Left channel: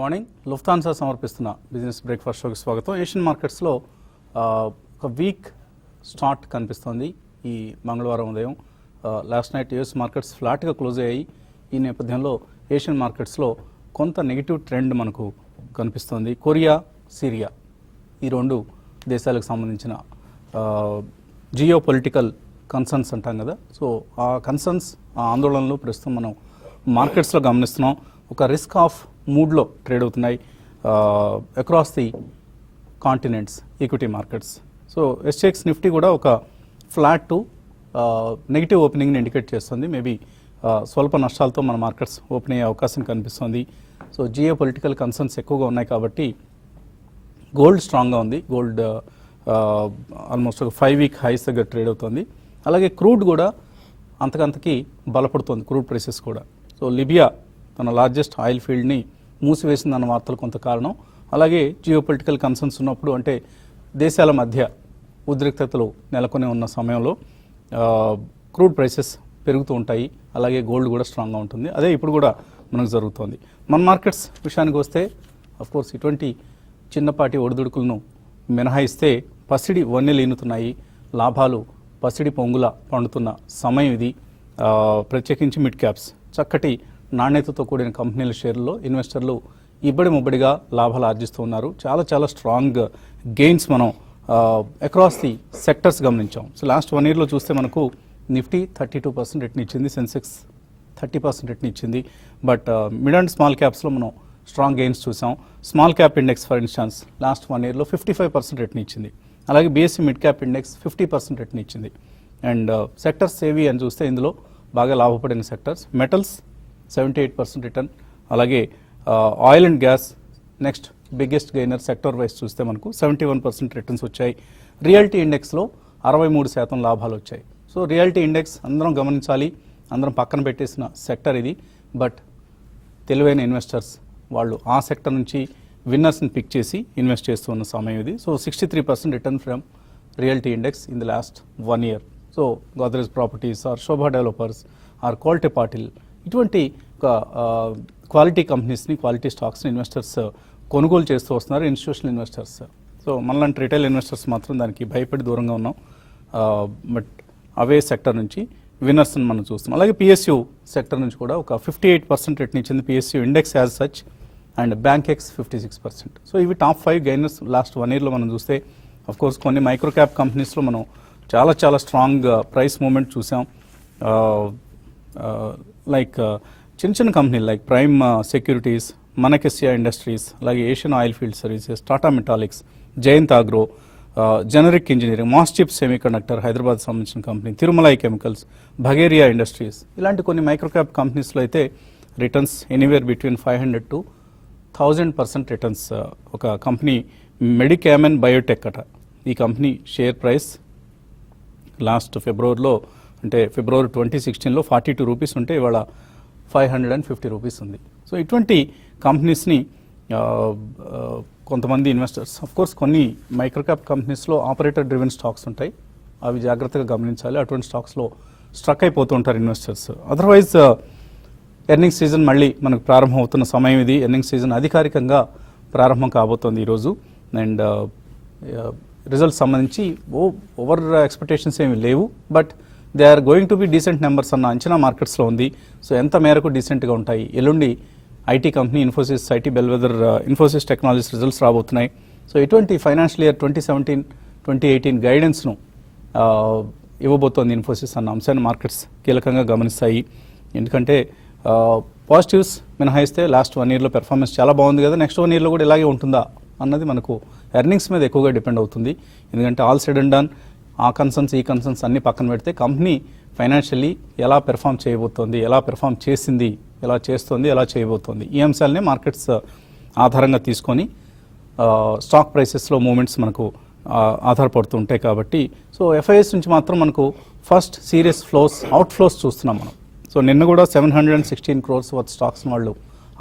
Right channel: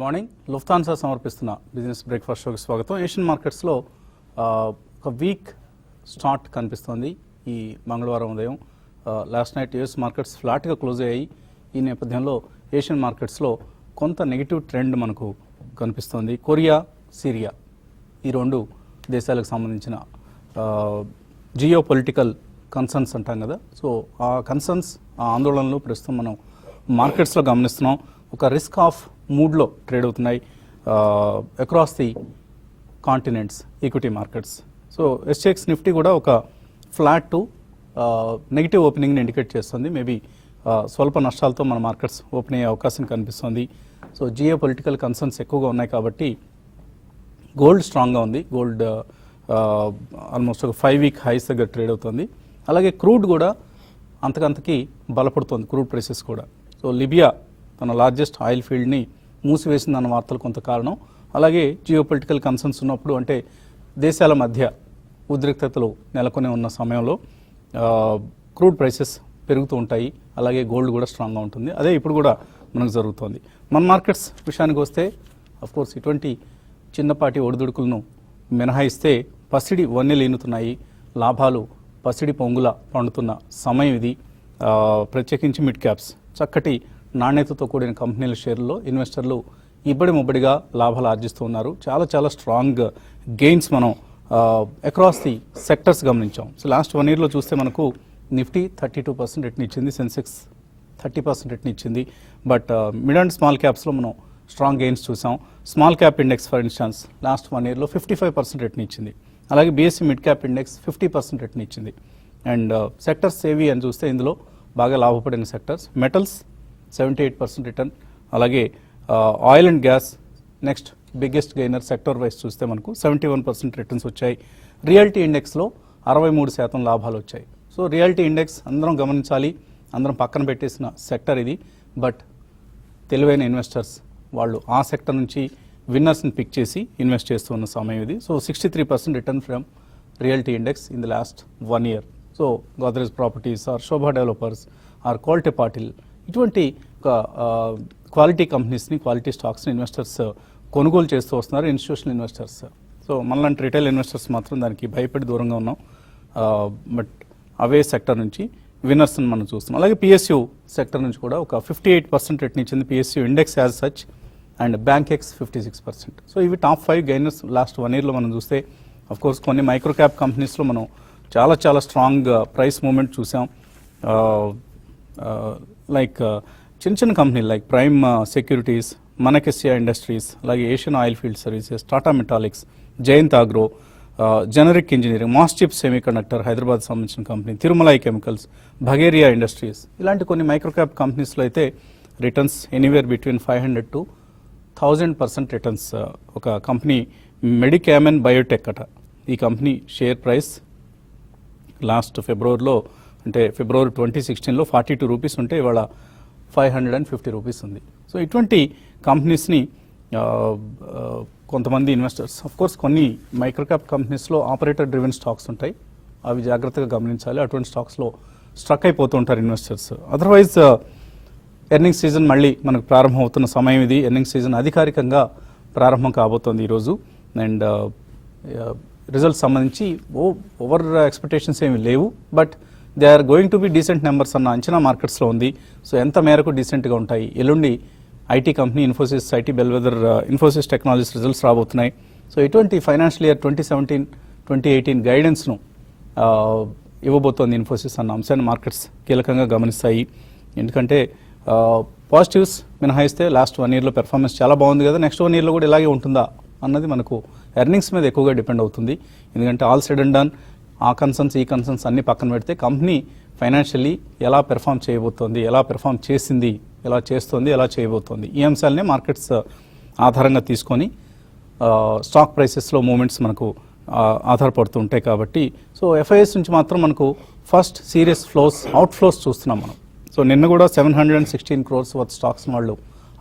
Morning Lufthansa సమర్పిస్తున్న business breakfast షోకి స్వాగతం. ఏషియన్ మార్కెట్స్లో ఒక వీక్ స్టార్ట్ కనిపిస్తోంది ఈ మంగళవారం ఉదయం. లాస్ట్ నైట్ యూఎస్ మార్కెట్స్ ఫ్లాట్గా క్లోజ్ అయ్యాయి. ఈ నేపథ్యంలో ఏషియన్ మార్కెట్స్లో కొంత నెగిటివ్ ట్రెండ్ మనకు కనిపిస్తోంది. కొరియా, సిరియా ఈ రెండు దేశాలకు సంబంధించిన జియో పొలిటికల్ కన్సర్న్స్ అంటాం కదా. సో ఆ కన్సర్న్స్, ఆ ఆందోళనలు ప్రస్తుతం మనం మార్కెట్స్లో గమనిస్తున్నాం. ఒక రిస్క్ ఆఫ్ మూడ్లో ట్రేడ్ అవుతున్నాయి across the continents equity markets. So ఎస్టెక్స్ Nifty కూడా ఒక ఫ్లాట్ టు నెగిటివ్ ఓపెనింగ్ని ఇండికేట్ చేస్తుంది. మేబీ స్వల్ప నష్టాలతో మన మార్కెట్స్ ఓపెన్ అయ్యే అవకాశం కనిపిస్తుంది. సో జియో పొలిటికల్ కన్సర్న్స్ ఎక్కువగా ఉన్నాయి కాబట్టి గోల్డ్ స్ట్రాంగ్గా ఉంది. గోల్డ్ ఆల్మోస్ట్ 5 వీక్ హైస్ దగ్గర ట్రేడ్ అవుతుంది. అలాగే క్రూడ్ కూడా అంతకంతకి బలపడుతుంది, క్రూడ్ ప్రైసెస్ కూడా. సో లిబియా తన లార్జెస్ట్ ఆయిల్ ఫీల్డ్ని మూసివేసిందన్న వార్తలు కొంత కారణం. అలాగే జియో పొలిటికల్ కన్సర్న్స్ ఉన్నప్పుడు, అంటే దేశాల మధ్య ఉద్రిక్తతలు నెలకొని ఉన్న సమయంలో క్రూడ్ ప్రైసెస్ పెరుగుతూ ఉంటాయి. అలాగే గోల్డ్ కూడా స్ట్రాంగ్గా ఉంటుంది. అదే ఇప్పుడు కూడా మనకు జరుగుతుంది. మన మార్కెట్స్ విషయానికి వస్తే అఫ్కోర్స్ ఇటువంటి చిన్నపాటి ఒడిదుడుకులను మినహాయిస్తే పసిడి వన్నెలు ఈనుతున్నాయి. లాభాలు పసిడి పొంగుల పండుతున్న సమయం ఇది. ప్రత్యేకించి మిడ్ క్యాప్స్, చక్కటి నాణ్యతతో కూడిన కంపెనీల షేర్లో ఇన్వెస్టర్లు ఇబ్బడి ముబ్బడిగా లాభాలు ఆర్జిస్తున్నారు. చాలా చాలా స్ట్రాంగ్ గెయిన్స్ మనం అక్రాస్ ది సెక్టర్స్ గమనించాం. సో లాస్ట్ 1 ఇయర్లో చూస్తే మనకు నిఫ్టీ 32% రిటర్న్ ఇచ్చింది, సెన్సెక్స్ 30% రిటర్న్ ఇచ్చింది. బట్ మిడ్ అండ్ స్మాల్ క్యాప్స్లో మనం స్ట్రాంగ్ గెయిన్స్ చూసాం. Small cap index for instance last 1 ఇయర్లో 55% రిటర్న్ ఇచ్చింది. అలాగే BSc mid cap index 50% return ఇచ్చింది. అండ్ సెక్టర్స్ ఏవి అని చూస్తే ఇందులో బాగా లాభపడిన సెక్టర్స్ మెటల్స్ 78% రిటర్న్. అలాగే oil and gas next biggest gainer sector wise చూస్తే మనకు 71% రిటర్న్స్ వచ్చాయి. రియాలిటీ ఇండెక్స్లో 63% లాభాలు వచ్చాయి. సో రియాలిటీ ఇండెక్స్ అందరం గమనించాలి, అందరం పక్కన పెట్టేసిన సెక్టర్ ఇది. బట్ తెలివైన ఇన్వెస్టర్స్ వాళ్ళు ఆ సెక్టర్ నుంచి విన్నర్స్ని పిక్ చేసి ఇన్వెస్ట్ చేస్తున్న సమయం ఇది. So 63% return from reality index in the last 1 year. So Godrej properties or Sobha developers or Kolte Patil ఇటువంటి క్వాలిటీ కంపెనీస్ని, క్వాలిటీ స్టాక్స్ని ఇన్వెస్టర్స్ కొనుగోలు చేస్తూ వస్తున్నారు, ఇన్స్టిట్యూషనల్ ఇన్వెస్టర్స్. సో మనలాంటి రిటైల్ ఇన్వెస్టర్స్ మాత్రం దానికి భయపడి దూరంగా ఉన్నాం. బట్ అవే సెక్టర్ నుంచి విన్నర్స్ని మనం చూస్తున్నాం. అలాగే పిఎస్యూ సెక్టర్ నుంచి కూడా ఒక 58% రిటర్న్ ఇచ్చింది PSU index as such. And bank X 56%. So ఇవి టాప్ 5 గెయినర్స్ లాస్ట్ 1 ఇయర్లో మనం చూస్తే. అఫ్కోర్స్ కొన్ని మైక్రో క్యాప్ కంపెనీస్లో మనం చాలా చాలా స్ట్రాంగ్ ప్రైస్ మూమెంట్ చూసాం. లైక్ చిన్న చిన్న కంపెనీలు like Prime Securities, Manaksia industries, అలాగే Asian oil field services, Tata metallics, Jayant Agro, generic engineering, MosChip semiconductor Hyderabad సంబంధించిన company, Thirumalai chemicals, Bhageria industries ఇలాంటి కొన్ని మైక్రో క్యాప్ కంపెనీస్లో అయితే returns anywhere between 500 to 1000% returns. ఒక కంపెనీ మెడికామెన్ బయోటెక్ అట. ఈ కంపెనీ షేర్ ప్రైస్ లాస్ట్ ఫిబ్రవరిలో, అంటే ఫిబ్రవరి 2016లో 42 రూపీస్ ఉంటే ఇవాళ 550 రూపీస్ ఉంది. సో ఇటువంటి కంపెనీస్ని కొంతమంది ఇన్వెస్టర్స్, అఫ్కోర్స్ కొన్ని మైక్రో క్యాప్ కంపెనీస్లో ఆపరేటర్ డ్రివెన్ స్టాక్స్ ఉంటాయి, అవి జాగ్రత్తగా గమనించాలి. అటువంటి స్టాక్స్లో స్ట్రక్ అయిపోతూ ఉంటారు ఇన్వెస్టర్స్. అదర్వైజ్ ఎర్నింగ్స్ సీజన్ మళ్ళీ మనకు ప్రారంభం అవుతున్న సమయం ఇది. ఎర్నింగ్స్ సీజన్ అధికారికంగా ప్రారంభం కాబోతోంది ఈరోజు. అండ్ రిజల్ట్స్ సంబంధించి ఓవర్ ఎక్స్పెక్టేషన్స్ ఏమి లేవు, but they are going to be decent numbers అన్న అంచనా మార్కెట్స్లో ఉంది. సో ఎంత మేరకు డీసెంట్గా ఉంటాయి? ఎల్లుండి IT company Infosys, IT bellwether Infosys technologies results రాబోతున్నాయి. సో ఇటువంటి ఫైనాన్షియల్ ఇయర్ 2017-2018 గైడెన్స్ను ఇవ్వబోతోంది ఇన్ఫోసిస్ అన్న అంశాన్ని మార్కెట్స్ కీలకంగా గమనిస్తాయి. ఎందుకంటే పాజిటివ్స్ మినహాయిస్తే లాస్ట్ 1 ఇయర్లో పెర్ఫార్మెన్స్ చాలా బాగుంది కదా, నెక్స్ట్ 1 ఇయర్లో కూడా ఇలాగే ఉంటుందా అన్నది మనకు ఎర్నింగ్స్ మీద ఎక్కువగా డిపెండ్ అవుతుంది. ఎందుకంటే ఆల్ సెడ్ అండ్ డన్ ఆ కన్సర్న్స్ ఈ కన్సర్న్స్ అన్ని పక్కన పెడితే కంపెనీ ఫైనాన్షియలీ ఎలా పెర్ఫామ్ చేయబోతోంది, ఎలా పెర్ఫామ్ చేసింది, ఎలా చేస్తుంది, ఎలా చేయబోతోంది, ఈ అంశాలనే మార్కెట్స్ ఆధారంగా తీసుకొని స్టాక్ ప్రైసెస్లో మూమెంట్స్ మనకు ఆధారపడుతూ ఉంటాయి కాబట్టి. సో ఎఫ్ఐఎస్ నుంచి మాత్రం మనకు ఫస్ట్ సీరియస్ అవుట్ ఫ్లోస్ చూస్తున్నాం మనం. సో నిన్న కూడా 716 crores వర్త్ స్టాక్స్ వాళ్ళు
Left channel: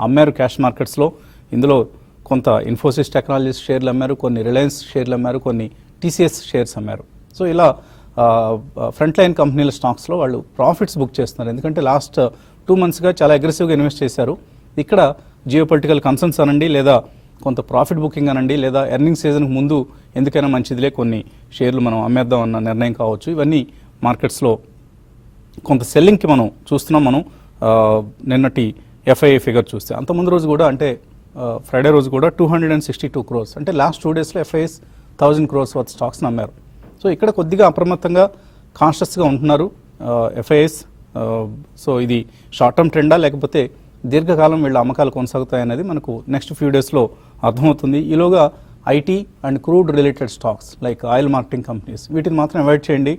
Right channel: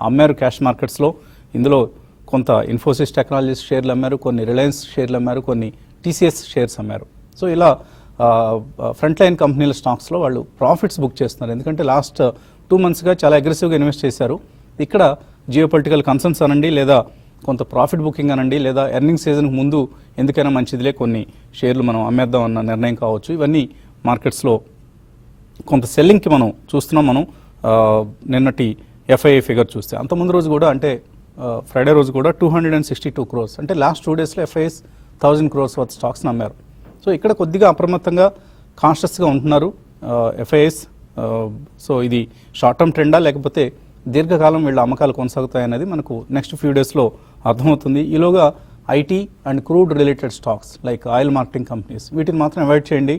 అమ్మారు క్యాష్ మార్కెట్స్లో. ఇందులో కొంత ఇన్ఫోసిస్ టెక్నాలజీస్ షేర్లు అమ్మారు, కొన్ని రిలయన్స్ షేర్లు అమ్మారు, కొన్ని టీసీఎస్ షేర్స్ అమ్మారు. సో ఇలా ఫ్రంట్ లైన్ కంపెనీల స్టాక్స్లో వాళ్ళు ప్రాఫిట్స్ బుక్ చేస్తున్నారు. ఎందుకంటే లాస్ట్ 2 monthsగా చాలా అగ్రెసివ్గా ఇన్వెస్ట్ చేశారు. ఇక్కడ జియో పొలిటికల్ కన్సర్న్స్ అనండి, లేదా కొంత ప్రాఫిట్ బుకింగ్ అనండి, లేదా ఎర్నింగ్ సీజన్ ముందు ఎందుకైనా మంచిదిలే కొన్ని షేర్లు మనం అమ్మేద్దాం అన్న నిర్ణయం కావచ్చు. ఇవన్నీ మార్కెట్స్లో కొంత సెల్లింగ్కి మనం చూస్తున్నాం. మనం నిన్నటి ఎఫ్ఐఐ ఫిగర్ చూస్తే అంతకుముందు రోజు కూడా అంటే ఫ్రైడే రోజు కూడా 262 crores, అంటే లాస్ట్ 2 daysలో ఎఫ్ఐఐస్ 1000 crores వర్త్ స్టాక్స్ని అమ్మారు. సో ఇక్కడ కొద్దిగా అప్రమత్తంగా కాన్షియస్గా ఉంటున్నారు ఎఫ్ఐఐస్. సో ఇది షార్ట్ టర్మ్ ట్రెండా లేకపోతే దీర్ఘకాలం వీళ్ళ అమ్మకాలు కొనసాగుతాయనేది మనకు నెక్స్ట్ ఫ్యూ డేస్లో అర్థమవుతుంది. ఈలోగా IT and crude related stocks like oil marketing companies వీటిని మాత్రం అవాయిడ్ చేయండి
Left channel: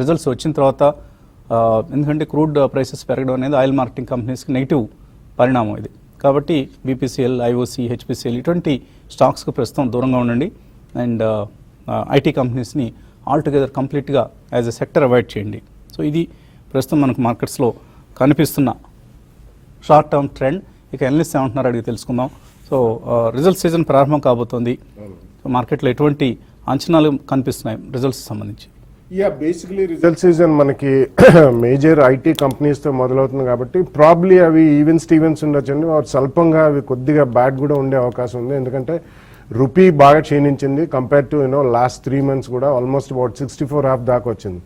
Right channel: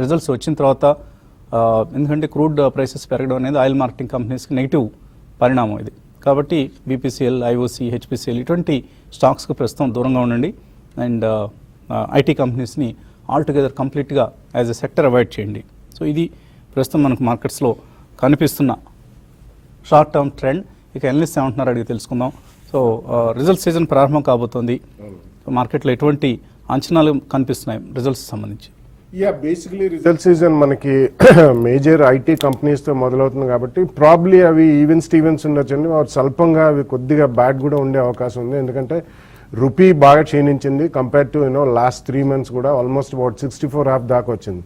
రిజల్ట్స్ వచ్చిన తర్వాత. ఎందుకంటే క్రూడ్ ప్రైసెస్ పెరగడం అనేది ఆయిల్ మార్కెటింగ్ కంపెనీస్కి నెగిటివ్ పరిణామం ఇది. కాబట్టి బీపీసీఎల్, ఐఓసీ, హెచ్పిసిఎల్ ఇటువంటి స్టాక్స్కు ప్రస్తుతం దూరంగా ఉండండి. అండ్ ఐటీ కంపెనీస్ని ఆల్టుగెదర్ కంప్లీట్గా యాజ్ ఎ సెక్టర్ అవాయిడ్ చేయండి. సో ఇది ప్రస్తుతం మనకు మార్కెట్స్లో కనిపిస్తున్న షార్ట్ టర్మ్ ట్రెండ్. ఇక ఎనలిస్ట్ ఏమంటున్నారు అడిగి తెలుసుకుందాం. సో రిజల్ట్ సీజన్ ప్రారంభం కాబోతోంది. మార్కెట్లో ఎటువంటి అంచనాలు కనిపిస్తున్నాయి రిజల్ట్స్ సంబంధించి? బేసిక్లీ రిజల్ట్ సీజన్ మనకి మేజర్ ఐటీ కంపెనీస్ తో మొదలవుతుంది కాబట్టి ప్రాబ్లీ అవి ఈవెన్ స్టీవెన్స్ ఉండొచ్చండి. స్వల్పంగా అవి కొద్దిగా బ్యాడ్ కూడా ఉండే అవకాశం ఉంది. ఎందుకంటే రూపీ బాగా క్షీణించింది కంపేర్ టు లాస్ట్ 3 months కూడా ఆల్మోస్ట్ అబౌట్ 64.5 దాకా వచ్చింది.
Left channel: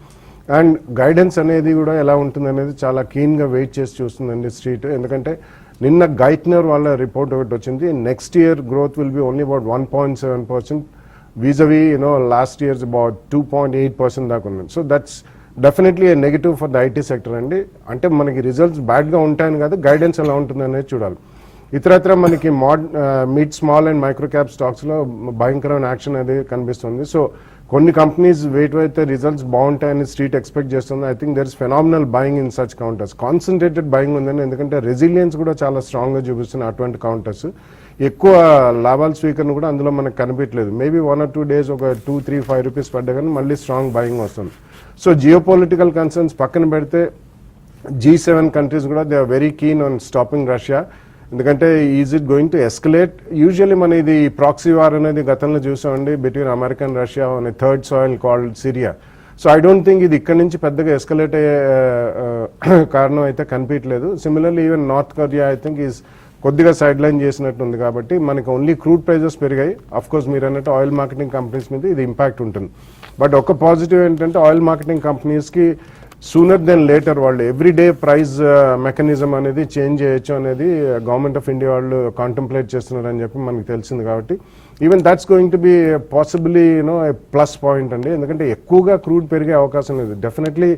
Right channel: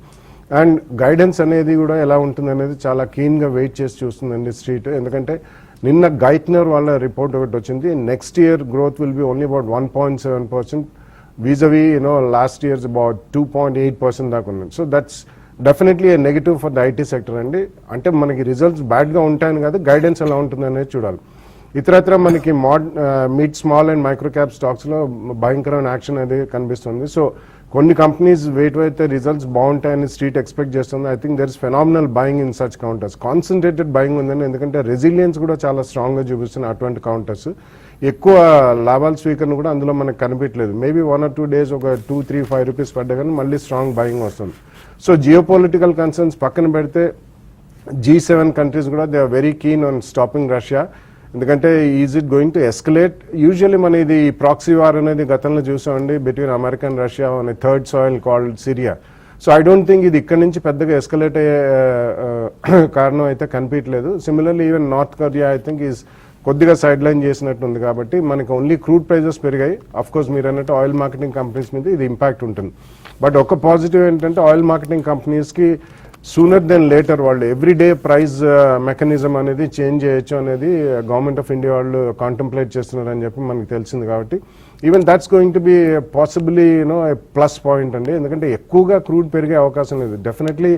అండ్ గైడెన్స్ అనేది కూడా ఎలా ఉంటుంది అనేది చాలా కీన్ గా వెయిట్ చేసి చూస్తుందండి స్ట్రీట్. ఎందుకంటే నిన్న గైట్నర్ వాళ్ళ రిపోర్ట్ ఒకటి వచ్చింది. Next year growth will be only about 1.7%. vis-a-vis last year's about 2.8% దాకా ఉంది. So that's definitely A negative for the IT sector అండి. అంటే మనకి రిజల్ట్స్ బ్యాడ్ గా ఉంటాయని కాదు, గైడెన్స్ ఎలా ఉంటుంది అనేది చూడాలి. ఇతరత్ర మనకి mid small and micro cap stocks లో భయంకరమైన యాక్షన్ అనేది కనిపిస్తుంది. సో కొన్ని కంపెనీస్ అయితే రిజల్ట్స్ బాగుంటాయని స్ట్రీట్ ఎక్స్పెక్ట్ చేస్తుంది. I think there is phenomenal buying in such counters. Concentrated buying ఉందని, ఎందుకంటే రెసిలియన్స్ కూడా చాలా స్ట్రాంగ్ గా చూపిస్తున్న అటువంటి కౌంటర్స్. ఎక్కువ లాభాల స్వీకరణ కూడా అందులో మనకు కనిపించలేదు. మేబీ 1 or 2 days ఒక 2, 3, 5 రూపీస్ పడ్డా కానీ మళ్ళీ స్ట్రాంగ్ బయింగ్ వస్తుంది. సో జియో పొలిటికల్ కన్సర్న్స్ పక్కన పెడితే G7 కంట్రీస్ కూడా they are very keen on stopping Russia. ఎందుకంటే is it going to escalate? Usually మన ఇది ప్రాక్సీ వార్ అనేది గతంలో చూసామండి between America and Russia on third soil called Syria. So I don't think ఇది ఇక్కడ నుంచి పెద్దగా ఎస్కలేట్ అయ్యే కారణం అయితే కనిపించలేదు. Similarly even North Korea I think is కొద్దిగా సైడ్ లైన్ చేసినట్టు ఉంది. కాబట్టి మనకి ఓన్లీ క్రూడ్ ప్రైజెస్ పెరిగాయి. అఫ్ కోర్స్ మీరు అన్నట్టు ఆయిల్ మార్కెటింగ్ కంపెనీస్ మీద ఇది ఇంపాక్ట్ ఉంటుంది. బట్ ఒక పాజిటివ్ ఏంటంటే ఆయిల్ మార్కెటింగ్ కంపెనీస్ కి సూనర్ దెన్ లేటర్ వాళ్ళు ఎవ్రీడే ప్రైస్ మెకానిజం అనేది చేంజ్ చేయొచ్చు అనేది గవర్నమెంట్ ఆఫ్ ఇండియా వాళ్ళు కాంటెంప్లేట్ చేస్తున్నారని చెప్పి మనకు తెలిసింది. కాబట్టి even that's going to B possibly plus point అండి. ఎందుకంటే ఎక్కువగా క్రూడ్ పెరిగే అవకాశం లేదు. డెఫినెట్లీ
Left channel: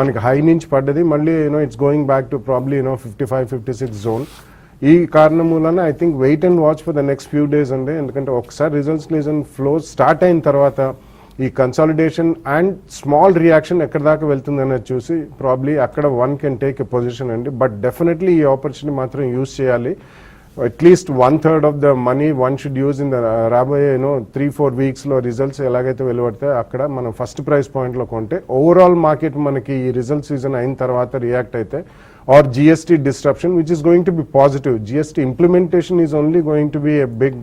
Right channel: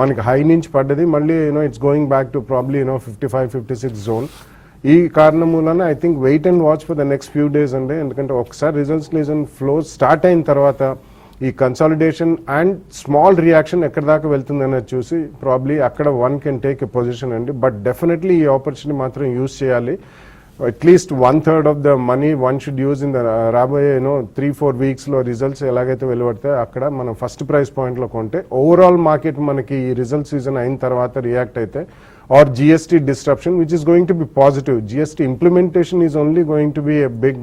మనకి హై నుంచి పడ్డది, మళ్ళీ it's going back to probably 55-56 zone. ఈ కారణం వలన I think wait and watch for the next few days అండి. ఎందుకంటే ఒకసారి రిజల్ట్స్ సీజన్ ఫ్లో స్టార్ట్ అయిన తర్వాత ఈ కన్సాలిడేషన్ అండ్ స్మాల్ రియాక్షన్ ఎక్కడ దాకా వెళ్తుంది అనేది చూసి ప్రాబ్లీ అక్కడ one can take a position అండి. బట్ డెఫినెట్లీ ఈ ఆపర్చునిటీ మాత్రం యూజ్ చేయాలి. At least 1/3 of the money one should use in the రాబోయే 3-4 weeks లో రిజల్ట్స్ ఎలాగైతే వెలువడతాయి అక్కడ మనం ఫస్ట్ ప్రైస్ పాయింట్ లో కొంటే ఓవరాల్ మార్కెట్ మనకి ఈ రిజల్ట్ సీజన్ అయిన తర్వాత రియాక్ట్ అయితే, or GST disruption, which is going to be positive. GST implementation is only going to be a big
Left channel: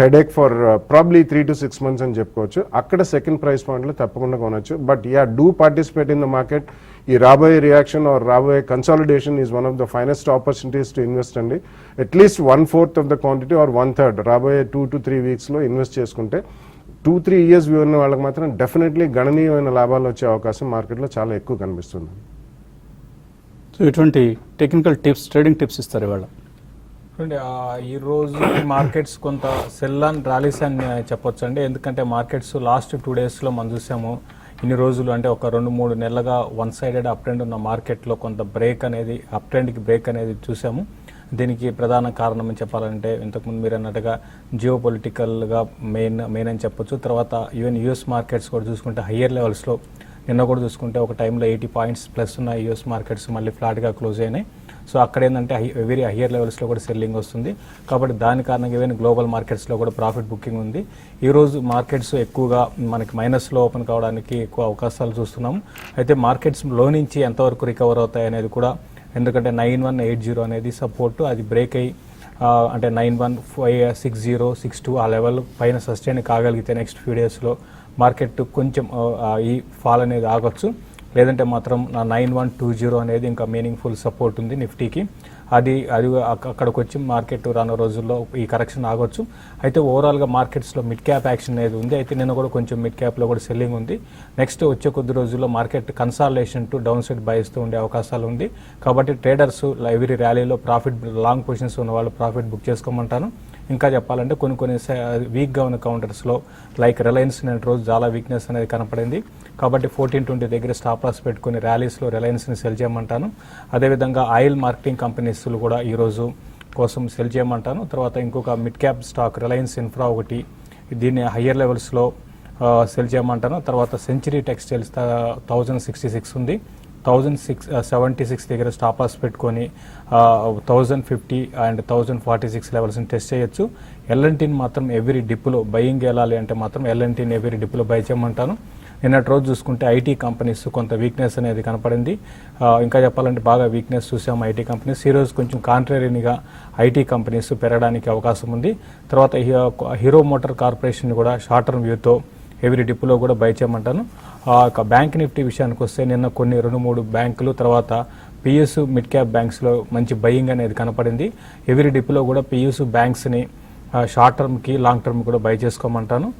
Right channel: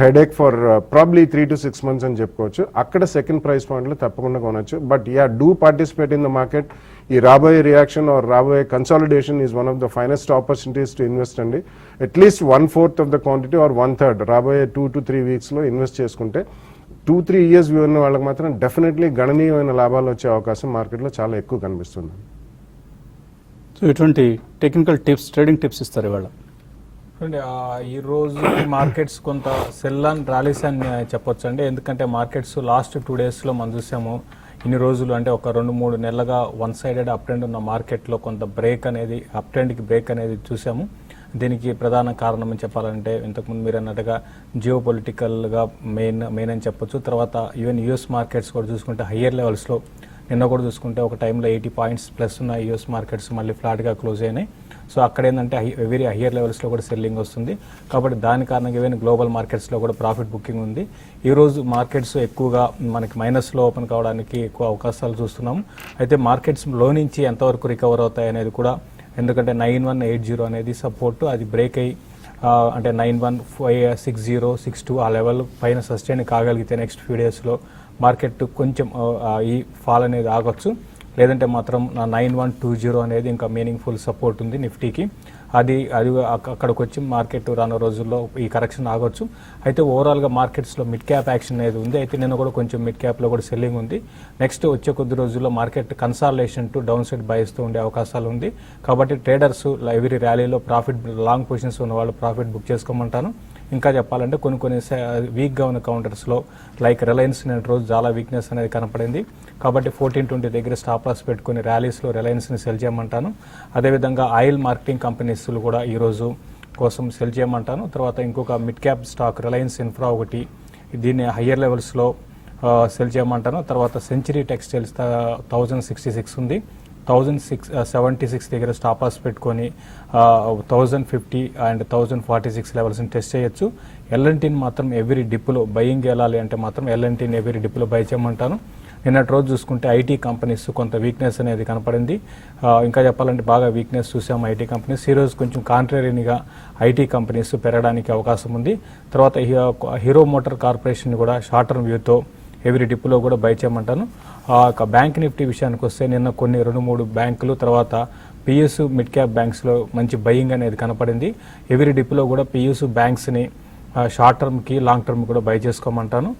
headache for probably 3 to 6 months అని చెప్పుకోవచ్చు. అక్కడ సెకండ్ ప్రైస్ పాయింట్ లో తప్పకుండా కొనొచ్చు. But do participate in the market. ఈ రాబోయే reaction or రాబోయే consolidation is one of the finest opportunities to invest అండి. At least 1/4 of the quantity or 1/3 రాబోయే 2 to 3 weeks లో ఇన్వెస్ట్ చేసుకుంటే 2-3 years వ్యూ ఉన్న వాళ్ళకి మాత్రం డెఫినెట్లీ గణనీయమైన లాభాలు వచ్చే అవకాశం మార్కెట్ లో చాలా ఎక్కువ కనిపిస్తుంది. సో ఇటువంటి టెక్నికల్ టిప్స్, ట్రేడింగ్ టిప్స్ ఇస్తారు ఇవాళ? ఈ రోజు మార్కెట్స్ కొంత సెల్ అండ్ ర్యాలీస్ అని చెప్పొచ్చు అండి. ఎందుకంటే మార్కెట్స్ లాస్ట్ 2 days లో మనం చూసాము. ఇన్ని రోజులు అంటే ఒక 2-3 నెలలుగా వన్ సైడెడ్ అప్ ట్రెండ్ ఉన్న మార్కెట్లో కొంత బ్రేక్ అనేది, అప్ ట్రెండ్కి బ్రేక్ అనేది చూసాము. దీనికి ప్రధాన కారణం అని చెప్పాలంటే ఇంతకుముందు మీరు అన్నట్టుగా జియో పొలిటికల్గా మెయిన్ అని చెప్పొచ్చు. తర్వాత ఈవెన్ యుఎస్ మార్కెట్స్ కూడా చూసుకుంటే హయ్యర్ లెవెల్స్లో నిన్న కూడా చూసుకుంటే ఒక టైంలో 80 points ప్లస్ ఉన్న యూఎస్ మార్కెట్స్ మళ్ళీ ఫ్లాట్గా క్లోజ్ అయినాయి. సో అక్కడ ఏంటంటే వెరీ హయ్యర్ లెవెల్స్లో కూడా సెల్లింగ్ వస్తుంది. కాబట్టి దాని కారణంగా ఈవెన్ గ్లోబల్ మార్కెట్స్లో కూడా ప్రాఫిట్ బుకింగ్ ఉంది. ఈ రోజు మార్కెట్స్ ఎక్కువగా మనకి మైనస్లో ఓపెన్ కావడానికి ఎక్కువ అవకాశాలు చూస్తున్నాం. అయితే మార్కెట్స్లో నుంచి ఎంతవరకు రికవర్ అవుతాయి అనేది కూడా, ఎందుకంటే 9180 అనేది సపోర్ట్, అది బ్రేక్ అయ్యి అంటే 9160-62 ఆ లెవెల్ పైన సస్టైన్ కాగలిగితే నెక్స్ట్ ఫ్యూ డేస్లో మార్కెట్ కొంచెం ఈ ఫాల్ అనేది ఆగొచ్చు. లేదంటే మాత్రం 9120 అనేది ఇంకా మీనింగ్ఫుల్ సపోర్ట్ ఉంది నిఫ్టీకి. అది అక్కడికి వచ్చి మార్కెట్ రాను రోజుల్లో ఈ కరెక్షన్ ఆగొచ్చు. అయితే ఓవరాల్గా మార్కెట్స్లో మిడ్ క్యాప్ యాక్షన్ అనేది ఉంది. అయితే నేను కూడా కొంచెం మిడ్ క్యాప్లో కూడా సెల్లింగ్ ఉంది. నెక్స్ట్ వచ్చే కొద్ది రోజుల్లో market consolidation to downside బైస్తూ ఉండే అవకాశాలు ఉంది. కాబట్టి ట్రేడర్స్ ఎవరీ ర్యాలీలో ప్రాఫిట్ లాంగ్ పొజిషన్స్ ఉన్న వాళ్ళు ప్రాఫిట్ బుక్ చేసుకోమంటాను. ఇంకా చెప్పాలంటే కొన్ని వీక్గా ఉన్న కౌంటర్స్లో లైక్ రిలయన్స్ నేను రోజు చాలా వీక్నెస్ అనేది కనపడింది. కాబట్టి 1420 దగ్గర స్టాప్ లాస్ పెట్టుకుని ర్యాలీస్లో రిలయన్స్ని సెల్ చేయమంటాను. అదేవిధంగా ఆయిల్ మార్కెటింగ్ కంపెనీస్లు కూడా ఈరోజు కోసం సెల్ చేయమంటాను. తర్వాత ఇంకొక mid cap stock Reliance infra ఒకటి, దీన్ని హయ్యర్ లెవెల్స్లో సెల్ చేయమంటాను. తర్వాత సెంచరీ టెక్స్టైల్స్ 1066 ఉంది, 1076 దగ్గర స్టాప్ లాస్ పెట్టుకొని 1050 అండ్ 1046 లెవెల్స్ని టెస్ట్ చేయొచ్చు. ఎల్ఎన్టీని మాత్రం ఎవరీ డిప్లో బయింగ్ వెళ్ళాలి అంటే మాత్రం ఎల్ఎన్టీని ఎవరీ డిప్లో బై చేయమంటాను. నిన్నటి రోజు చూసుకుంటే ఐటీ కంపెనీస్ కొంత వీక్నెస్ అనేది కనపడింది. ఇంకా చెప్పాలంటే బాగా వీక్నెస్ చూసాం ఐటీ కంపెనీస్. ఈ రోజు కొంచెం కాంట్రరీగా ఐటీ కంపెనీస్ పెరగడానికి అవకాశం ఉంది. తర్వాత హీరో మోటార్ కార్పొరేషన్ కూడా షార్ట్ టర్మ్ వ్యూతో ఎవరీ డిప్లో కూడా బై చేయమంటాను. బ్యాంక్ నిఫ్టీ విషయానికి వస్తే నిన్న కొన్ని 2-3 బ్యాంకులు తర్వాత పిఎస్యు మిడ్ క్యాప్ బ్యాంక్స్లో మంచి బయింగ్ అనేది కనపడింది. ఎవరీ డిప్లో కూడా పిఎస్యు బ్యాంక్స్ని షార్ట్ టర్మ్కి లాంగ్ టర్మ్ కూడా బై చేసుకోమంటాను.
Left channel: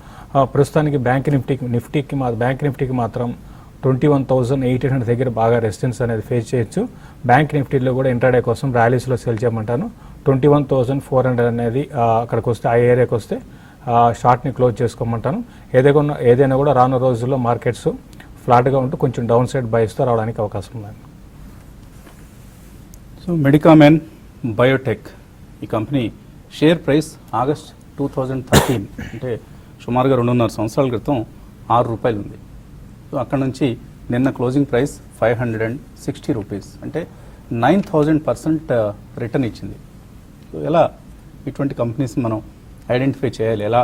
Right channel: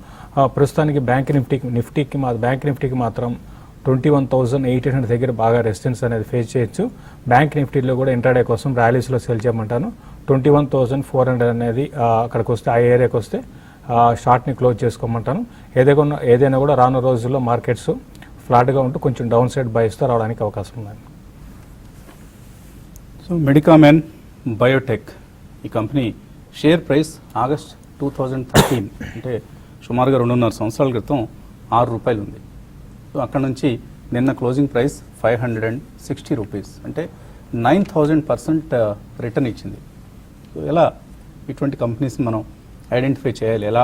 ప్రస్తుతానికి బ్యాంక్ నిఫ్టీకి మాత్రం 21,800 దగ్గర బాగా రెసిస్టెన్స్ అనేది ఫేస్ చేయొచ్చు. బ్యాంక్ నిఫ్టీలో కూడా ఇంటర్డే కోసం ర్యాలీస్లో సెల్ చేయమంటాను. 21,400 అనేది అక్కడికి వస్తే ఆ ఏరియాకి వస్తే షార్ట్ని క్లోజ్ చేసుకోమంటాను. ఏదైనా కూడా రాను రోజుల్లో మార్కెట్స్ ఫ్లాట్గా ఉంటూ కొంచెం డౌన్ సైడ్ బైస్తో రావడానికి అవకాశం ఉంది. సో మెడికామెన్ బయోటెక్ ఈ కంపెనీ షేర్ ప్రైస్ ఆగస్ట్ 2013 అంటే సుమారుగా 2.5 సంవత్సరాల క్రితం 6 రూపాయలు ఉంది. సో అక్కడ నుంచి నిన్న క్లోజింగ్ ప్రైస్ 560 రూపీస్ అంటే 9,000% రిటర్న్ ఇచ్చింది. సో ఎలా ఇటువంటి కంపెనీస్ మనం ఐడెంటిఫై చేయాలి, ఎలా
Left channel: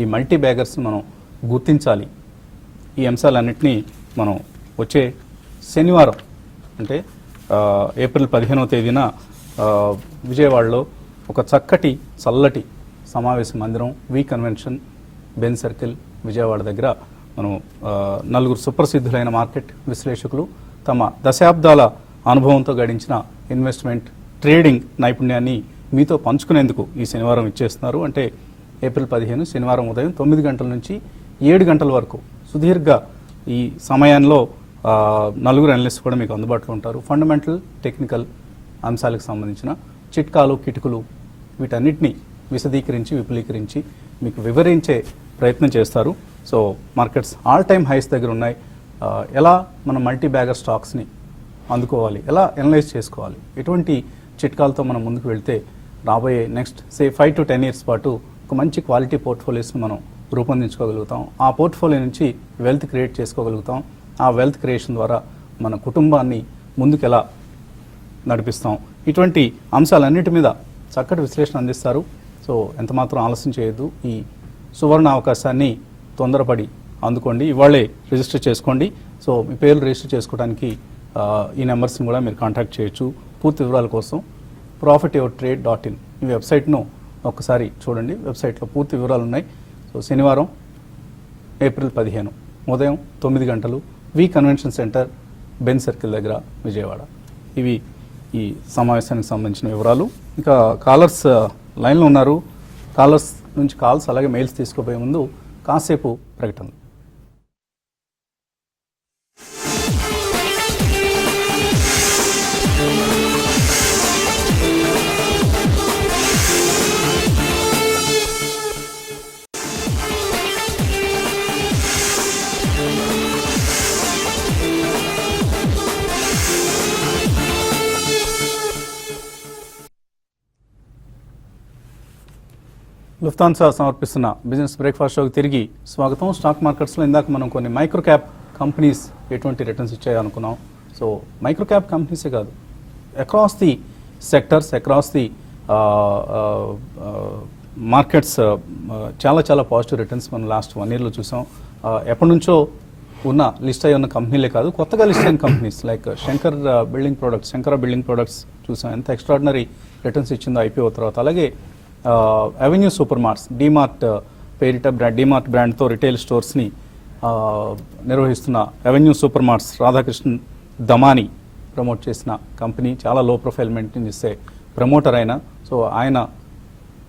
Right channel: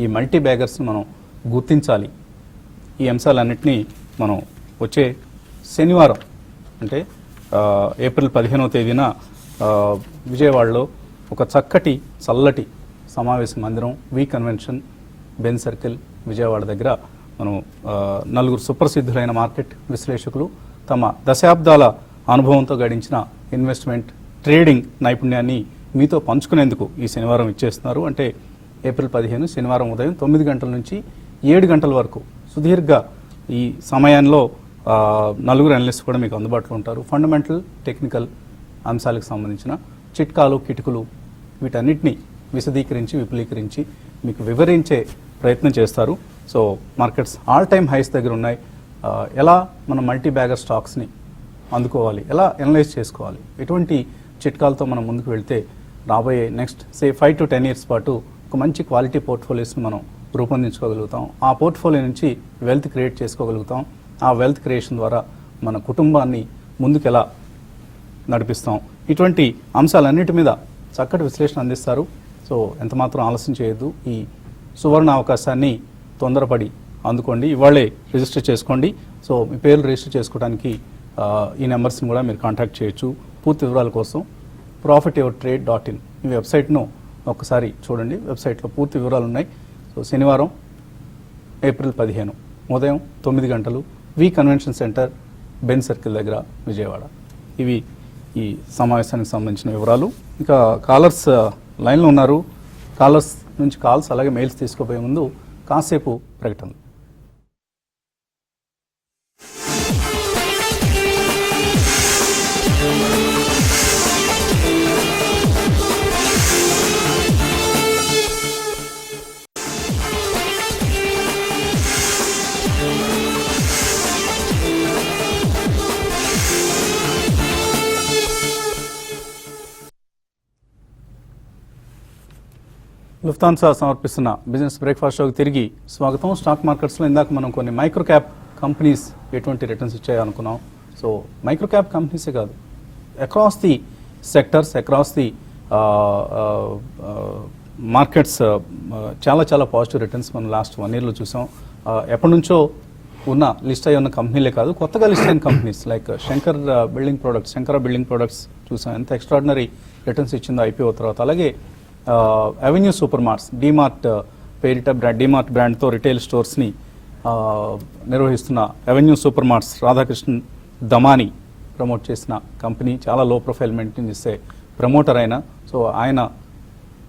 ఈ మల్టీ బ్యాగర్స్ మనం గుర్తించాలి, ఈ అంశాలన్నింటినీ మనం వచ్చే శనివారం అంటే ఏప్రిల్ 15వ తేదీన విజయవాడలో ఒక చక్కటి చల్లటి సమావేశ మందిరం వి కన్వెన్షన్ బెన్ సర్కిల్ విజయవాడ దగ్గర మనం 4 సుప్రసిద్ధులైన మార్కెట్ విశ్లేషకులు తమ దశాబ్దాల అనుభవంతో గడించిన ఇన్వెస్ట్మెంట్ ట్రేడింగ్ నైపుణ్యాన్ని మీతో పంచుకునేందుకు ఈ శనివారం ఇచ్చేస్తున్నారు. అంటే ఏప్రిల్ 15 శనివారం ఉదయం 9 గంటల నుంచి 7 గంటల వరకు సుదీర్ఘ ఈ సమయంలో 4 అనలిస్ట్ కూడా మీకు అందుబాటులో ఉంటారు. ఫండమెంటల్ టెక్నికల్ అంశాలకు సంబంధించిన చిట్కాలు కిటుకులు వీటన్నిటిని విశదీకరించి విపులీకరించి మీకు వివరించే ప్రయత్నం చేస్తారు. So markets all time highs దగ్గర ఉన్నాయి. ఎలా మనం మల్టీ బ్యాగర్ స్టాక్స్ని అందుకోవాలి, ఎలా అనలైజ్ చేసుకోవాలి, ఎటువంటి చిట్కాలతో మనం ముందుకు వెళ్తే రాబోయే నెక్స్ట్ 5 to 10 years పాటు ఒక మంచి క్వాలిటీ పోర్ట్ఫోలియోస్ని మనం రూపొందించుకోగలుగుతాం. ఆ పోర్ట్ఫోలియో నుంచి వెల్త్ క్రియేట్ చేసుకోగలుగుతాం. ఆ వెల్త్ క్రియేషన్ ద్వారా మన కుటుంబాన్ని ముందుకు ఎలా నడిపిస్తాం, ఇటువంటి అంశాలన్నిటి మీద చక్కటి విశ్లేషణ అందిస్తారు. సో ఎంతమాత్రం ఆలస్యం చేయొద్దు. ఈ సువర్ణ అవకాశాన్ని తొందరపడి అందుకోండి. ఇవాళే రిజిస్టర్ చేసుకోండి. సో మీ పేరు రిజిస్టర్ చేసుకోవడానికి ఈ నెంబర్స్ని కూడా మీరు కాంటాక్ట్ చేయొచ్చు. పూర్తి వివరాల కోసం profityourtrade.in ఈ వెబ్సైట్ను ఒకసారి చూడండి. వెబ్సైట్లో పూర్తి వివరాలు ఉన్నాయి. సో శనివారం ఏప్రిల్ 15 ఉదయం 9 గంటలు వి కన్వెన్షన్ సెంటర్ బెన్ సర్కిల్ దగ్గర విజయవాడ. ఇవి ఈ సమావేశానికి సంబంధించిన వివరాలు. ఇంకా కాలర్స్ లైన్లో ఉన్నారు. కాలర్స్ నుంచి కాల్స్ అలాగే మెయిల్స్ తీసుకోబోయే ముందు కాసేపు ప్రకటన. లుఫ్తాన్సా సమర్పిస్తున్న బిజినెస్ బ్రేక్ఫాస్ట్ షోకి తిరిగి స్వాగతం. స్టాక్ మార్కెట్స్లో ఇందాక మనం కొన్ని మైక్రో క్యాప్ కంపెనీస్ ఎటువంటి రిటర్న్స్ ఇచ్చాయో అనుకున్నాం. సో మైక్రో క్యాప్ కంపెనీసే కాదు, across the sectors, across the markets చాలా చాలా పాజిటివ్ రిటర్న్స్ మనం లాస్ట్ 1 yearలో చూసాం. ఎప్పటి నుంచో ఉన్న లిస్ట్ అయి ఉన్న కంపెనీలే కాదు, కొత్తగా లిస్ట్ అయిన companies like Shankara building products చూసాం. ఎంత ఎక్స్ట్రాడినరీ రిటర్న్స్ ఇచ్చిందో ఐపీఓ తర్వాత. అలాగే అవెన్యూ సూపర్ మార్ట్స్, డీమార్ట్ పేరిట డీమార్ట్ బ్రాండ్తో రిటైల్ స్టోర్స్ని నిర్వహిస్తున్న Avenue Super Marts Radhakrishnan Damani promote చేసిన కంపెనీ చాలా లో ప్రొఫైల్ మెయింటైన్ చేసే ప్రమోటర్ అయినా. సో ఆయన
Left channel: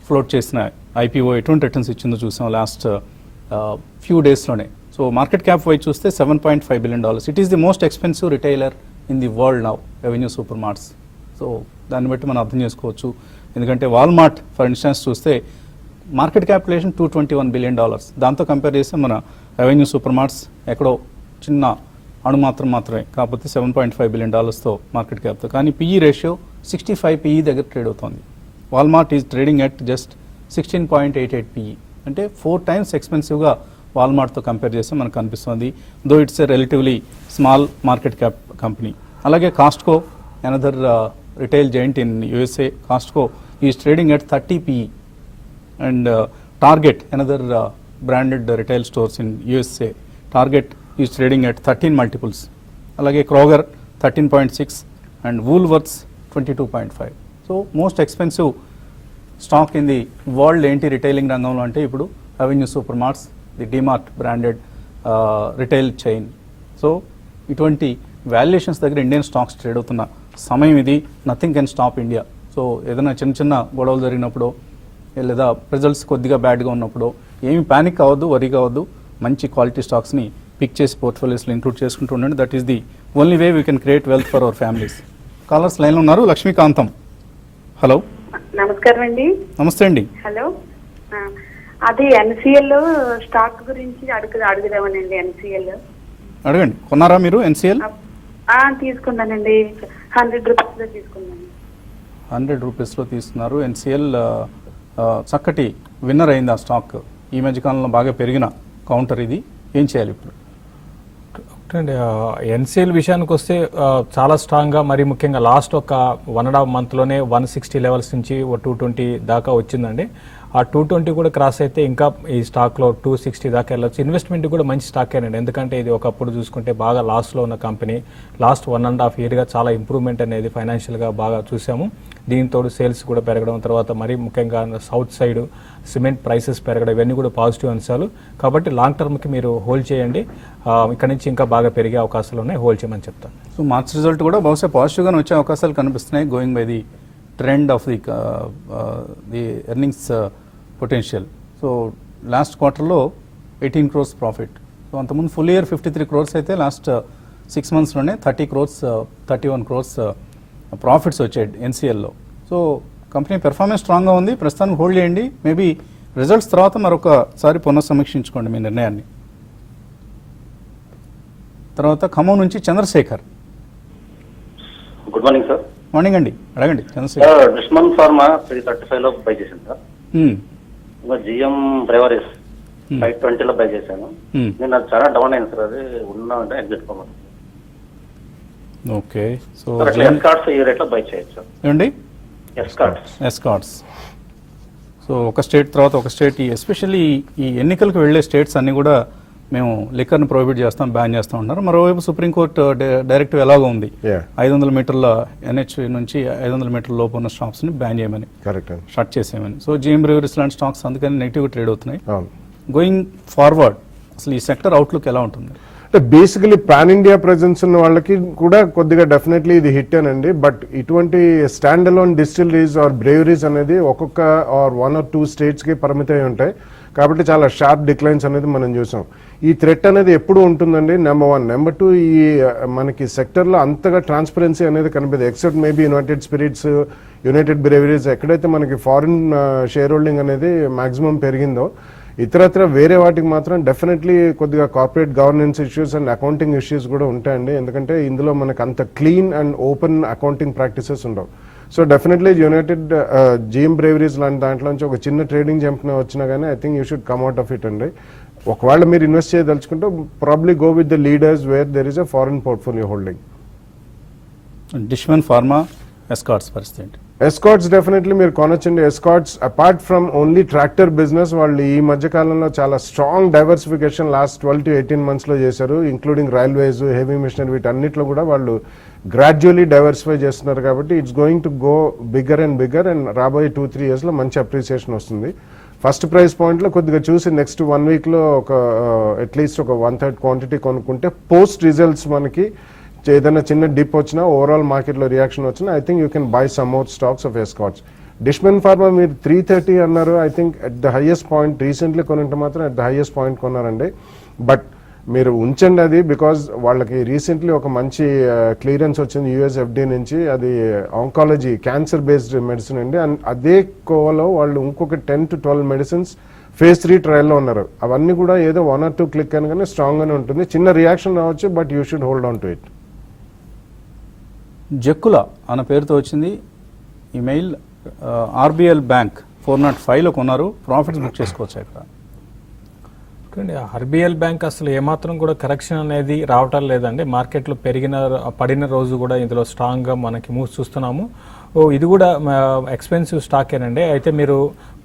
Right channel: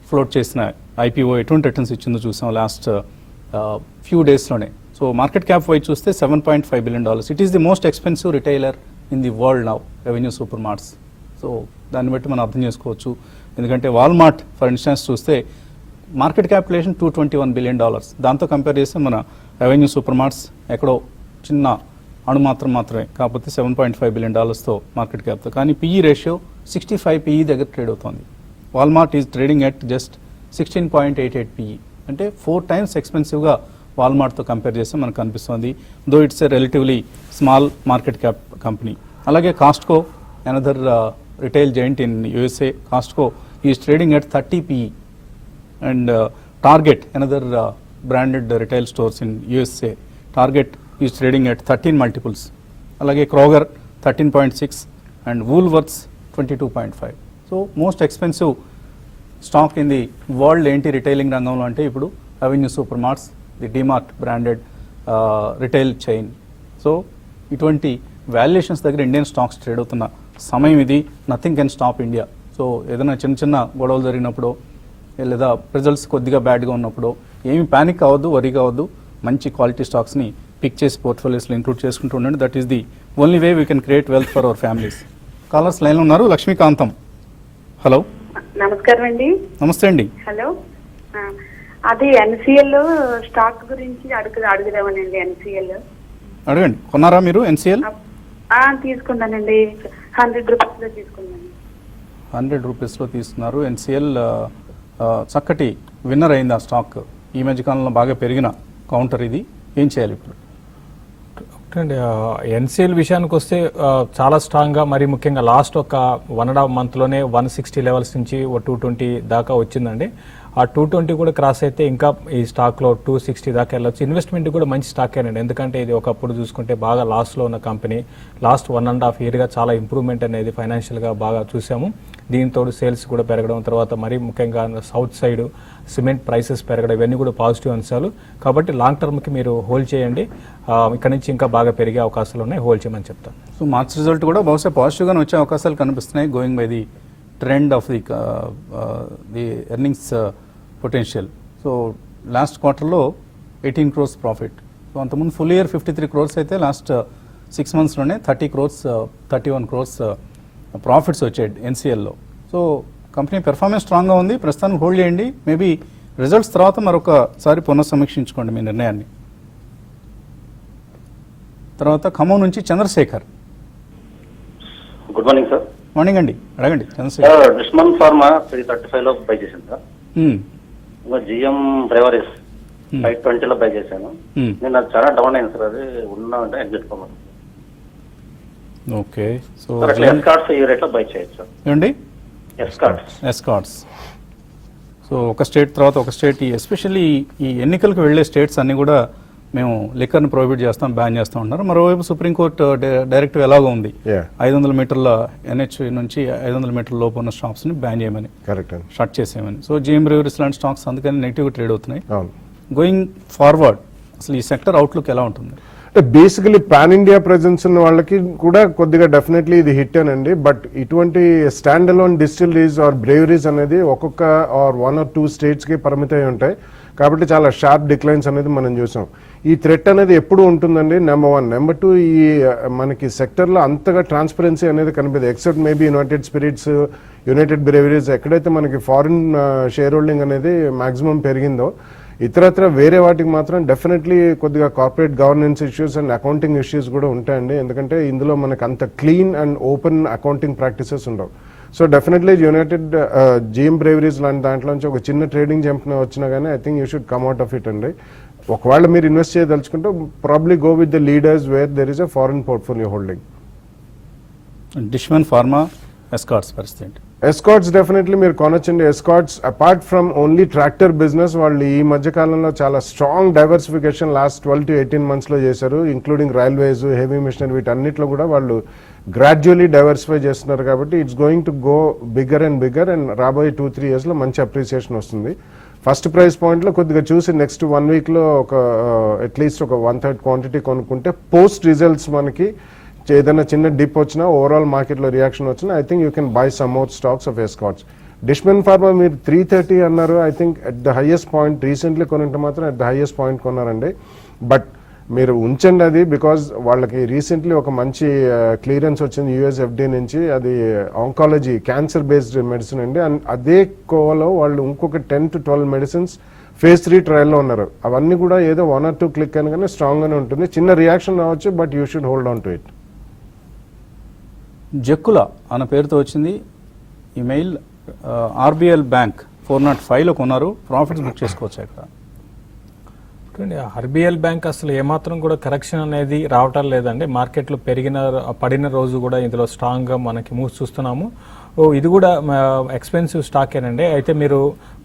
ఫ్లోట్ చేసిన ఐపీఓ ఎటువంటి రిటర్న్స్ ఇచ్చిందో చూసాం లాస్ట్ ఫ్యూ డేస్లోనే. సో మార్కెట్ క్యాప్ వైజ్ చూస్తే $7.5 billion. It is the most expensive retailer in the world now, Avenue Super Marts. So దాన్ని బట్టి మనం అర్థం చేసుకోవచ్చు. ఎందుకంటే వాల్మార్ట్ ఫర్ ఇన్స్టెన్స్ చూస్తే మార్కెట్ క్యాపిటలైజేషన్ $221 billion. దాంతో కంపేర్ చేస్తే మన ఎవెన్యూ సూపర్ మార్ట్స్ ఎక్కడో చిన్న మాత్రమే, కాకపోతే $7.5 billion మార్కెట్ క్యాప్తో. కానీ పిఈ రేషియో 65 పిఈ దగ్గర ట్రేడ్ అవుతుంది. Walmart is trading at just 16.88 PE, అంటే 4 times ఎక్స్పెన్సివ్గా వాల్మార్ట్తో కంపేర్ చేస్తే మనకు కనిపిస్తుంది. Though it's a relatively small market cap company. అలాగే Costco, another retail giant in USA, Costco is trading at 30 PE. And Target, another branded retail stores in USA, Target is trading at 13 multiples. అలాగే Kroger 13.6 and Woolworths 22.5. So most expensive stock in the world ఏంటి retailing రంగంలో అంటే ఇప్పుడు avenue Super marts, the DMart branded retail chain. So ఇటువంటి valuations దగ్గర Indian stocks trade అవుతున్న సమయం ఇది. Nothing can stop India. So ఏదైనా చిన్న గొడవలు జరిగినప్పుడు లేదా రిజల్ట్స్ కొద్దిగా బ్యాడ్గా ఉన్నప్పుడు ఏమి ప్యానిక్ అవ్వద్దు, వరీ కావద్దు. మంచి క్వాలిటీ స్టాక్స్ని పిక్ చేసి పోర్ట్ఫోలియోస్లో ఇంక్లూడ్ చేసుకుంటూ ఉండండి. That is the only way we can create wealth for our families. Callers లైన్లో ఉన్నారు. లక్ష్మీకాంతం, హలో. నమస్కారం అండి. నమస్తే అండి. హలో, అది ఎన్సిఎల్ స్టాక్ గురించి అడుగుదామనండి. ఎన్సిఎల్ అడగండి. కొన్నారా మీరు ఎన్సిఎల్? తీసుకున్నానండి, 100 రూపీస్ తీసుకున్నాను. 100 రూపీస్లో తీసుకున్నారు. ఎన్సిఎల్ చక్కటి విన్నర్ అయింది ఆ స్టాక్. ఈ మధ్యకాలంలో బాగా పెరిగిన కౌంటర్ ఇది. ఏం చేయాలి ఇప్పుడు? ఎన్సిఎల్ విషయానికి వస్తే చాలా స్ట్రాంగ్ గా, మరి ముఖ్యంగా లాస్ట్ ఒక 1.5 month లోనే 160 లెవెల్స్ నుంచి 220 దాకా వచ్చిందండి. ఆ 220 కూడా క్రాస్ అయితే ఇంకా ఈ స్టాక్ లో 260 దాకా వెళ్ళొచ్చు. ఇన్వెస్ట్మెంట్ కూడా మంచి స్టాక్ అయినండి, ఎందుకంటే ఇది ఒకప్పుడు చూసుకుంటే బాగా లాస్ లో ఉన్న కంపెనీ. లాస్ట్ 1.5 year గా చాలా ఇంప్రూవ్మెంట్ అనేది ఫైనాన్షియల్ గా బాగా చూసాము. దీంతో సేల్స్ కూడా పెరగడం, తర్వాత మరి ముఖ్యంగా సౌత్ సైడ్ సిమెంట్ ప్రైసెస్ పెరగడం, ఇవన్నీ కూడా పాజిటివ్ అంశాలు. కాబట్టి లాంగ్ టర్మ్ కి మీరు హోల్డ్ చేయండి. ఇక్కడ నుంచి ఇంకా బాగా పెరిగే అవకాశాలు ఉన్నాయి, హోల్డ్ చేయమని చెప్తాను. సో మార్క్స్ రిజల్ట్ కూడా బహుశా పాజిటివ్గానే వచ్చే అవకాశాలు కనిపిస్తున్నాయి, going by the trend of the earnings potential. So last క్వార్టర్లో 18 crores ప్రాఫిట్. సో అంతకుముందు ఫుల్ ఇయర్ 53 crores అయితే లాస్ట్ 6 monthsలోనే 30 crores 31 crores ప్రాఫిట్స్ వచ్చాయి ఎన్సిఎల్లో. సో కంపెనీ పెర్ఫార్మెన్స్ స్ట్రాంగ్గా ఉంది. ప్రస్తుతానికి హోల్డ్ చేయండి. మేబీ రిజల్ట్స్ తర్వాత మరొకసారి పునఃసమీక్షించుకోండి మీ నిర్ణయాన్ని. తర్వాత ఖమ్మం నుంచి Chandrasekhar. Good morning sir. Morning అండి, అడగండి చంద్రశేఖర్. దుష్మన్ ఫార్మా 335 లో బై చేశాను సార్. ఇంకా జిఎం డ్రైవరీస్ 520 లో బై చేశాను. నేను అది చాలా డౌన్ అయింది సార్. అది ఉన్నామంటే ఎగ్జిట్ కొన్నాను. ఓకే. సో ఎస్ కార్డ్స్ ఈ రేట్ లో బై చేయొచ్చు సార్. ఏమండి? S cards. సో ఒక స్టేట్ తర్వాత ఒక స్టేట్, ఎస్పెషల్లీ ఈ ఎన్నికలకు వెళ్లే స్టేట్స్ అన్ని కూడా మేము లిక్కర్ని ప్రొహిబిట్ చేస్తాం, బ్యాన్ చేస్తాం ఉన్నారు. మరోవైపు సుప్రీంకోర్టు డైరెక్టివ్ ఎలాగో ఉంది, 500 మీటర్ల ఎన్హెచ్ నుంచి 500 మీటర్ల లోపు ఉన్న స్టాక్స్ ని బ్యాన్ చేయమని, స్టార్ట్ చేసేయమని. సో జిఎం బ్రేవరీస్ లాంటి స్టాక్స్ అందుకని నెగిటివ్ ట్రేడ్ అవుతున్నాయి. గోయింగ్ ఫార్వర్డ్ అసలు ఈ సెక్టర్ అవుట్లుక్ ఎలా ఉంటుంది? బేసికలీ పాన్ ఇండియా ప్రెజెన్స్ ఉన్న వాళ్ళకి కూడా కొద్దిగా డెఫినెట్లీ ఇది హిట్ అనండి. బట్ ఇటువంటి stand alone distilleries or breweries అనేది ఒక్కొక్క ఆర్ 1 or 2 states కి పరిమితమై ఉంటాయి. కాబట్టి చాలా షార్ప్ డిక్లైన్స్ అనేది మనం చూసాం. ఈ థ్రెట్ అనేది ఎప్పుడు ఉంటుందండి, నెంబర్ 1. నెంబర్ 2, ఈ మనకి సెక్టర్ లో అంతగా ట్రాన్స్పరెన్సీ అనేది కనిపిస్తుంది. Except maybe United Spirits, United Breweries, ఎక్కడైతే మనకి ఫారిన్ షేర్ హోల్డింగ్ అనేది మాక్సిమం పెరిగిందో, ఇతరత్ర వేరే వాటికి మాత్రం డెఫినెట్లీ కొద్దిగా corporate governance issues and accounting issues కూడా ఉంటాయండి. ఎందుకంటే ఇందులో మనకు అంత clean and open accounting practices ఉండవు. So definitely United GM Breweries లాంటి దాంట్లో నుంచి ఒక చిన్న ట్రేడింగ్ జంప్ వచ్చినా కానీ I think you should come out of it అండి. ఒకవేళ మీరు ఇన్వెస్ట్ చేయదలుచుకుంటే probably go with the leaders where there is a foreign portfolio holding. Dishman pharma, Escorts పరిస్థితి? ఎస్కార్ట్స్ డెఫినెట్లీ మీరు కొనొచ్చండి. Escorts apart from only tractor business, వాళ్ళు ఈ మధ్య కాలంలో చాలా strong diversification last 12 to 18 months లో చేశారు. ఇంక్లూడింగ్ రైల్వేస్, హెవీ మిషనరీ, వీటన్నిటిలో కూడా వాళ్ళు గ్రాడ్యువల్లీ డైవర్సిఫై చేస్తున్నారు. కాబట్టి it's going to go bigger and bigger and రాబోయే 2-3 years లో మంచి అప్రిసియేషన్ వస్తుంది. ఫస్ట్ ప్రైస్ పాయింట్ లో కొద్దిగా చూసి నెక్స్ట్ 1 week లో ఒక అట్లీస్ట్ ఒక 1/3 క్వాంటిటీ కొనుక్కుంటే పోస్ట్ రిజల్ట్స్ మనకి ఏదైనా చిన్న డిప్ వచ్చినా ఓవరాల్ మార్కెట్లో రియాక్షన్ వచ్చినా I think you can buy some more stocks of Escorts. Dishman pharma మీరు 330 అన్నారు, I think at the highest point recently కొనంటే మాత్రం ఎట్ ద హైయెస్ట్ పాయింట్ కొన్నారండి. బట్ మీరు ఉంచండి అది, బికాజ్ వాళ్ళకి రీసెంట్లీ ఒక మంచి క్లియరెన్స్ వచ్చింది యుఎస్ఎఫ్డి నుంచి, అది ఆంకాలజీ క్యాన్సర్ బేస్డ్ మెడిసిన్ అండి. అండ్ అదే కోవలో వాళ్ళు ఇంకొక 10 to 12 మెడిసిన్స్ phase 3 ట్రయల్లో ఉన్నారు. అవన్నీ కూడా ఏదో 1 or 2 క్లిక్ అనగానే స్ట్రాంగ్ గానే ఉంటుంది. చిన్న రియాక్షన్ రావచ్చు, but you should hold on to it. Jakkula అన్న పేరుతో వచ్చింది ఈమెయిల్. ఆర్బిఎల్ బ్యాంక్ 405లో కొన్నారు, ప్రాఫిట్స్ బుక్ చేసుకోవచ్చు ఇక్కడ. ఆర్బిఎల్ బ్యాంక్ అసలు ఏమాత్రం కూడా కరెక్షన్ అనేది రావటం లేదండి. మార్కెట్లో పడిన రోజు కూడా ఇందులో స్ట్రాంగ్ గా మనకి మూవ్స్ చూస్తున్నాము. ఇది కూడా ఎక్స్పెన్సివ్ స్టాక్ ఏనండి. అయితే మీరు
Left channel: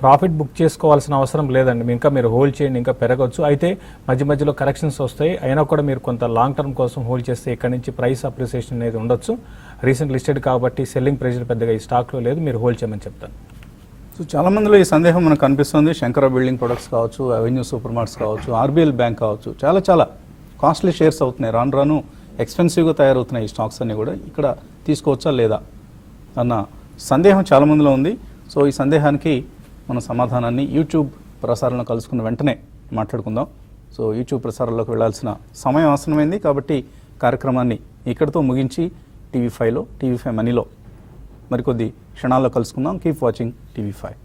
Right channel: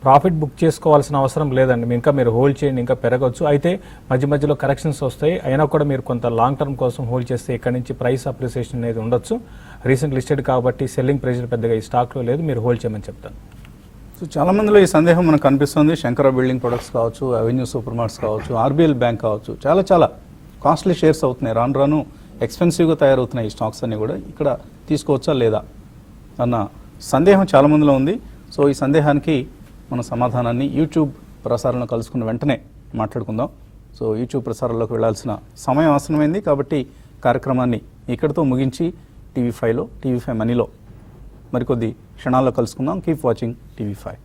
ప్రాఫిట్ బుక్ చేసుకోవాల్సిన అవసరం లేదండి, ఇంకా మీరు హోల్డ్ చేయండి, ఇంకా పెరగవచ్చు. అయితే మధ్య మధ్యలో కరెక్షన్స్ వస్తాయి, అయినా కూడా మీరు కొంత లాంగ్ టర్మ్ కోసం హోల్డ్ చేస్తే ఇక్కడ నుంచి ప్రైస్ అప్రిసియేషన్ అనేది ఉండొచ్చు. రీసెంట్ లిస్టెడ్ కాబట్టి సెల్లింగ్ ప్రెషర్ పెద్దగా ఈ స్టాక్ లో లేదు, మీరు హోల్డ్ చేయమని చెప్తారు. సో చాలా మందిలో ఈ సందేహం మనకు కనిపిస్తుంది. శంకర బిల్డింగ్ ప్రొడక్ట్స్ కావచ్చు, అవెన్యూ సూపర్ మార్ట్స్ కావచ్చు, ఆర్బిఎల్ బ్యాంక్ కావచ్చు, చాలా కాస్ట్లీ షేర్స్ అవుతున్నాయి, రాను ఎక్స్పెన్సివ్గా తయారవుతున్నాయి ఈ స్టాక్స్ అన్ని కూడా. ఇక్కడ తీసుకోవచ్చా లేదా అన్న సందేహం చాలా మందిలో ఉంది. సో ఈ సందేహానికి మన సమాధానాన్ని యూట్యూబ్ ప్రసారంలో కలుసుకున్న వెంటనే మాట్లాడుకుందాం. సో యూట్యూబ్ ప్రసారంలోకి వెళ్ళాల్సిన సమయం అవసరమైంది కాబట్టి కార్యక్రమాన్ని ఇక్కడితో ముగించి టీవీ5 మనీలో మరికొద్ది క్షణాల్లో కలుసుకుందాం. Keep watching TV5.